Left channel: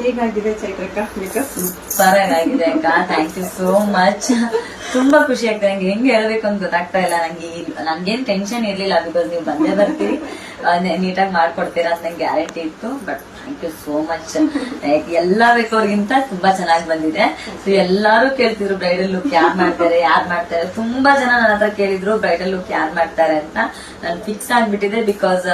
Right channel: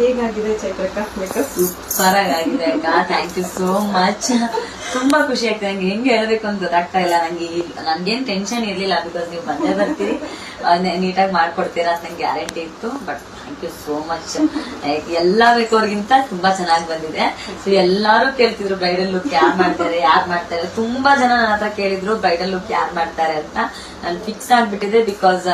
ಹೇಗಾಗಿದೆ ಚೈತ್ರಕ್ಕ makeup? Super ಆಗಿದೆ ಅಕ್ಕ, ಥ್ಯಾಂಕ್ ಯು ಸೋ ಮಚ್. ತುಂಬಾ ಖುಷಿ ಆಗ್ತದೆ. ನಂಗೆ ಹೆಂಗ್ ಹೇಳ್ಬೇಕು ಅಂತ ಗೊತ್ತಾಗ್ತಾ ಇಲ್ಲ. ನನ್ಗೇನ್ ಟೆನ್ಷನ್ ಇರ್ಲಿಲ್ಲ, ಬಿಕಾಸ್ ನೀವು ಬಂದೇ ಬರ್ತೀರಿ, ನೀಟಾಗಿ ಮಾಡ್ಕೊಡ್ತೀರಾ ಅಂತ ನಂಗೆ ಗ್ಯಾರಂಟಿ ಇತ್ತು. But thank you so much. ಎಲ್ಲಾ ಬೇಕವ್ರಿಗಿಂತ ತುಂಬಾ ಚೆನ್ನಾಗಿ ಬಂದಿದೆ. ಸೊ ಎಲ್ಲಾರು ಕೇಳ್ತಿದ್ರು ಬ್ರೈಡಲ್ ಲುಕ್ ಯಾರು ಮಾಡ್ತಾರೆ. ತುಂಬಾ ಜನ ನನ್ನ ಹತ್ರ ಕೇಳಿದ್ರು ಬ್ರೈಡಲ್ ಲುಕ್ ಯಾರು ಮಾಡ್ತಾರೆ ಅಂತ. ನಾನು ಫಿಕ್ಸ್ ಆಗ್ಬಿಟ್ಟಿದೆ, ಬಿಕಾಸ್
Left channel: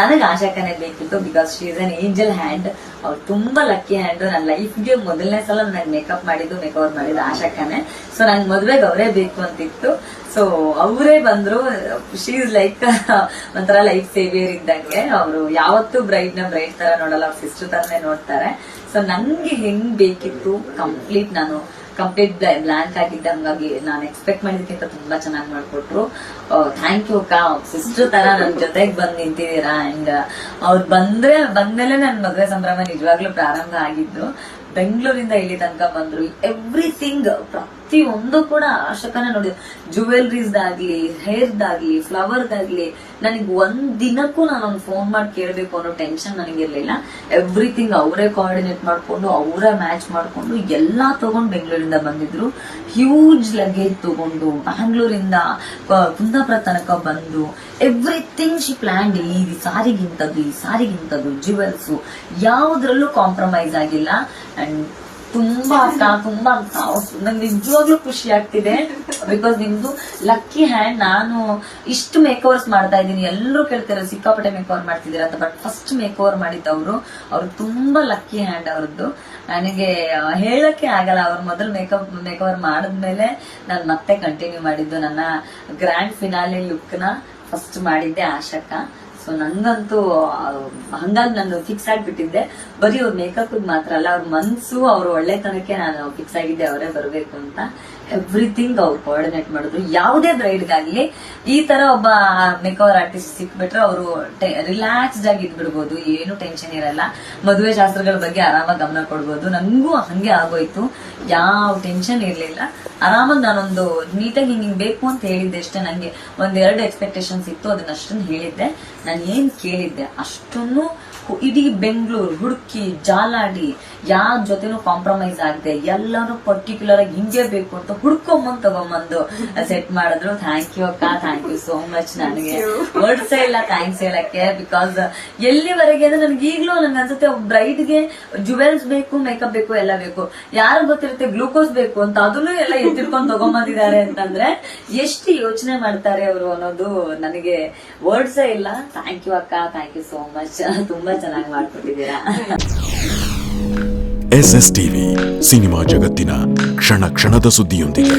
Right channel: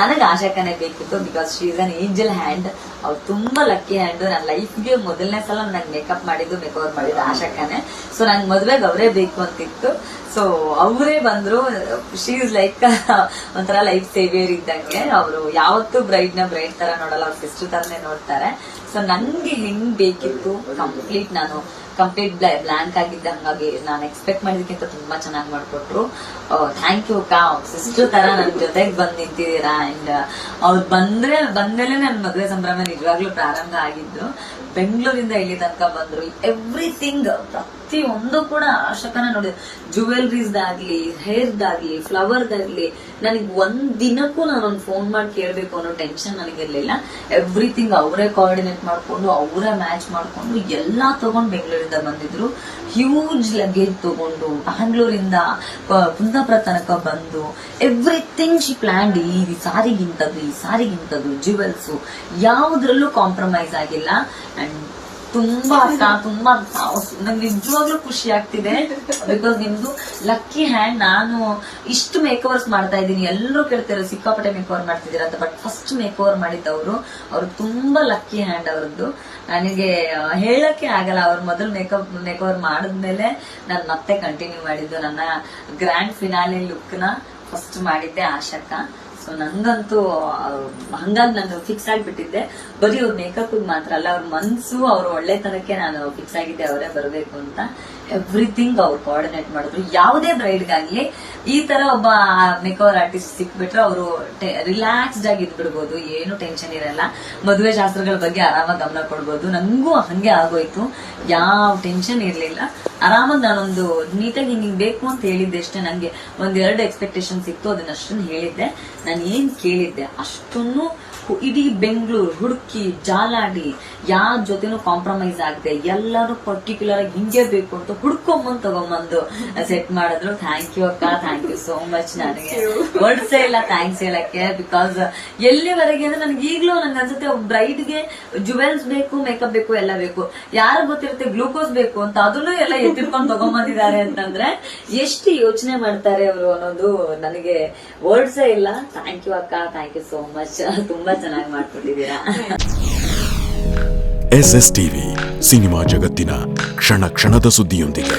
ನನಗೆ ಆಶಾಕನೇ ಬೇಕಿತ್ತು. Because she is an angel hand. ಅವ್ರು ತುಂಬಾ ಲಕ್ಕಿ ಹ್ಯಾಂಡ್. ನನ್ನ ಲೈಫ್ಗೆ ಮೊದಲನೇ ಸಲ ನಾನು ಮೇಕಪ್ ಮೇಕವರ್ ಮಾಡಿದ್ದು ಆಶಾಕನೇ. ಸೊ ನಂಗೆ ಮದ್ವೆಗೆ ಅವರೇ ಬೇಕು ಅಂತಿತ್ತು. ಸೊ ಅವರೇ ಬಂದ್ರು. ಶಿ ಇಸ್ ಲೈಕ್ ಒಂಥರ ಲೈಫ್ ಸೇವಿಯರ್ ಇದ್ದಂಗೆ. ಅವರು ಯಾವತ್ತೂ ಬ್ರೈಡ್ ತರ ನೋಡಲ್ಲ, ಅವ್ರ ಸಿಸ್ಟರ್ ತರನೇ ನೋಡ್ತಾರೆ. ಸೊ ನಂಗೆ ಹೆಂಗ್ ಬೇಕಿತ್ತು ಕಂಪ್ಲೀಟ್ ಬ್ಲಾಂಕ್ ಆಗಿದ್ದೆ. ಹಂಗಾಗಿ ನಾನು ಎಕ್ಸ್ಪೆಕ್ಟ್ ಮಾಡಿದಕ್ಕಿಂತ ತುಂಬಾ ಚೆನ್ನಾಗಿ ಮಾಡ್ಕೊಟ್ರು. ಥ್ಯಾಂಕ್ ಯು ಅಕ್ಕ, ಸಿಸ್ಟರ್ ತರ ನನ್ ಜೊತೆಗೆ ಬಂದ್ ನಿಂತಿದ್ದೀರಾ. ಅಂಡ್ ಅವ್ರು ಬಂದ್ಮೇಲೆ ನನ್ ಮದುವೆ ಸಂಭ್ರಮ ನಿಜವಾಗ್ಲೂ ಪ್ರಾರಂಭ ಆಗಿದ್ದು. ಬೆಂಗಳೂರಿಂದ ಇಲ್ಲಿ ತನಕ ಬಂದ್ರು. ಎವ್ರಿಥಿಂಗ್ ಪ್ರತಿಯೊಂದು ಕೂಡ ಆಶಕನ ನೋಡಿ, ಜುವೆಲ್ರೀಸ್ದಾಗ್ಲಿ, ಹೇರ್ದಾಗ್ಲಿ, ಫ್ಲವರ್ದಾಗ್ಲಿ, ನನಗೆ ಒಂದ್ ದಿನಕ್ಕೂ ನಾನು ಒಂದು ಫೋನ್ ಮಾಡಿ ಕೇಳ್ಬೇಕು ಅನ್ನೋ ಟೆನ್ಷನ್ ನನಗಿರ್ಲಿಲ್ಲ. ಎವ್ರಿಥಿಂಗ್ ಅವರೇ ಕೋಆರ್ಡಿನೇಟ್ ಮಾಡ್ಕೊಂಡು, ಅವರೇ ಮ್ಯಾಚ್ ಮಾಡ್ಕೊಂಡು ಎಲ್ಲಾ ತಗೊಂಡು ಬೆಂಗಳೂರಿಂದ ಬಂದಿದ್ರು. ಹ್ಯೂಜ್ ಲಗೇಜ್ ತಗೊಂಡು ಬ್ಯಾಂಗ್ಳೂರಿಂದ ಕುಂದಾಪುರ ತನಕ ಬಂದು ಎವ್ರಿಥಿಂಗ್ ಶಿ ಪ್ಲಾನ್ಡ್. ಈ ಸಾರಿಗಿಂತದ್ದು ಜುವೆಲ್ಸ್ ಯಾವುದ್ರಲ್ಲೂ ಕಾಂಪ್ರಮೈಸ್ ಆಗಿಲ್ಲ. ಅಂಡ್ ತುಂಬಾ ನಂಗೆ ನಿಜವಾಗ್ಲೂ ಖುಷಿ ಆಗ್ತಿದೆ. ಬಿಕಾಸ್ ನಿಮ್ದು ಲಕ್ಕಿ ಹ್ಯಾಂಡ್. ನಾನು ಇಷ್ಟು ಮೇಕವರ್ಸ್ ಮಾಡ್ತಾ ಇದ್ದೀನಿ, ಎಲ್ಲರೂ ಕೇಳ್ತಾರೆ ಸಿಕ್ಕಾಪಟ್ಟೆ ಮೇಕವರ್ ಮಾಡ್ತಿದ್ದೀರಾ ಅಂತ. ಬಟ್ ಫಸ್ಟ್ ಮೇಕವರ್ ಮಾಡಿದ್ದವರು. ಅವ್ರು ತುಂಬಾ ಲಕ್ಕಿ ಹ್ಯಾಂಡ್ ಅವರದ್ದು. ನನಗೆ ಹೇಳಕ್ಕೆ ಆಗಲ್ಲ. ಅವ್ರು ಮೊದಲು ಮೇಕವರ್ ಮಾಡಿದ್ಮೇಲೆ ನಾನು ಮತ್ತೆ ಕಂಟಿನ್ಯೂ ಮಾಡಿದ್ದು. ನನ್ನ ಗ್ರ್ಯಾಂಡ್ ಫಿನಾಲೆ ಲುಕ್ ನ ಫಸ್ಟ್ ಮಾಡಿದ್ದೆ ಆಶಕ್ಕ. ಸೊ ನಂಗಂತೂ ಹಂಗಾಗಿ ನಾನು ಫಿಕ್ಸ್ ಆಗಿಬಿಟ್ಟಿದ್ದೆ. ಬರೀ ಅವ್ರ ಮೇಕಪ್ ಮಾತ್ರ ಅಲ್ಲ, ಅವ್ರ ಮನ್ಸು, ಅವ್ರ ಒಳ್ಳೆತನಕ್ಕೆ ನಾನು ಫಿಕ್ಸ್ ಆಗಿದ್ದೆ ಅವರೇ ಬರಬೇಕು ಅಂತ. ಎವ್ರಿಥಿಂಗ್ ಅವ್ರು ಕೋಆರ್ಡಿನೇಟ್ ಮಾಡಿದ್ರು. ಯಾವುದೇ ಬ್ರೈಡ್ಗಾಗ್ಲಿ ಈ ತರ ಒಬ್ಬ ಮೇಕವರ್ ಆರ್ಟಿಸ್ಟ್ ಸಿಕ್ಬಿಟ್ರೆ ಅವರು ರಿಲ್ಯಾಕ್ಸ್ಡ್ ಆಗಿ ಇದ್ಬಿಡ್ಬೋದು, ಏನು ಟೆನ್ಷನ್ ಇರಲ್ಲ. ಮದುವೆ ಶಾಸ್ತ್ರಗಳ ಬಗ್ಗೆ ಆರಾಮಾಗಿ ಗಮನ ಕೊಡ್ಬೋದು. ನಂಗೂ ಹಂಗೆ ಆಗೋಯ್ತು, ಯಾವ ಟೆನ್ಷನ್ ಇರ್ಲಿಲ್ಲ. ಆರಾಮಾಗಿ ನಾನೊಂದು ನೀಟಾಗಿ ಹಿಂಗ್ ಬೇಕು ಅಂತ ಹೇಳಿದ್ದೆ ಅಷ್ಟೇ. ನಂಗೆ ಒಂದೆರಡು ಎಕ್ಸ್ಪೆಕ್ಟೇಷನ್ಸ್ ಇತ್ತು, ಅದನ್ನಷ್ಟನ್ನು ಹೇಳಿದ್ದೆ. ನಾನು ಏನ್ ಕೇಳಿದ್ದೆ ಅಷ್ಟನ್ನು ಇಡೀ ಬೆಂಗಳೂರು ಹುಡುಕಿ ಜಾಲಾಡಿ ಯಾರ ಜೊತೆನೂ ಕಾಂಪ್ರಮೈಸ್ ಆಗದೆ ಎಲ್ಲರೂ ಪರ್ಟಿಕ್ಯುಲರ್ ಆಗಿ ಹಿಂಗೆ ಬೇಕು ಅಂತ ತಗೊಂಬಂದು ಸೆಟ್ ಮಾಡಿದ್ರು. ಥ್ಯಾಂಕ್ ಯು ಅಕ್ಕ, ಥ್ಯಾಂಕ್ ಯು ಸೋ ಮಚ್. ನನಗೆ ವರ್ಡ್ಸೇ ಇಲ್ಲ ಥ್ಯಾಂಕ್ಸ್ ಹೇಳಕ್ಕೆ. ಬಿಕಾಸ್ ಎಲ್ಲಿವರೆಗೆ ಅಂದ್ರೆ ನನಗೆ ಈಗ್ಲೂ ನಂಗೆ ಅನ್ಸುತ್ತೆ, ಬ್ರೈಡ್ಗೆ ಜುವೆಲ್ಸ್ ಬೇಕು, ಮೇಕಪ್ ಬೇಕು, ಎಲ್ಲ ಬೇಕು. ಯಾರು ಗೊತ್ತಿರುತ್ತೆ ಗ್ಲೂಕೋಸ್ ಬೇಕು ಅಂತ, ಅದನ್ನು ಎಲ್ಲ ಎತ್ತಿರ್ಕೊಂಡು ತಗೊಂಬಂದಿದ್ದಾರೆ ಅಂತಂದ್ರೆ ಎಷ್ಟು ಯೋಚನೆ ಮಾಡ್ತಾರೆ ಅವರು ಅನ್ನೋದು ನನಗೆ ವರ್ಡ್ಸೇ ಇಲ್ಲ. ಥ್ಯಾಂಕ್ ಯು ಅಕ್ಕ, ಥ್ಯಾಂಕ್ ಯು ಸೋ ಮಚ್. ತುಂಬಾ ಚೆನ್ನಾಗಿ ಮಾಡ್ಕೊಟ್ಟಿದ್ದೀರಾ. SSTV ಸಿನಿಮಾ ಜಗತ್ತಿನ ಕ್ಷಣ ಕ್ಷಣದ ಸುದ್ದಿಯೊಂದಿಗೆ.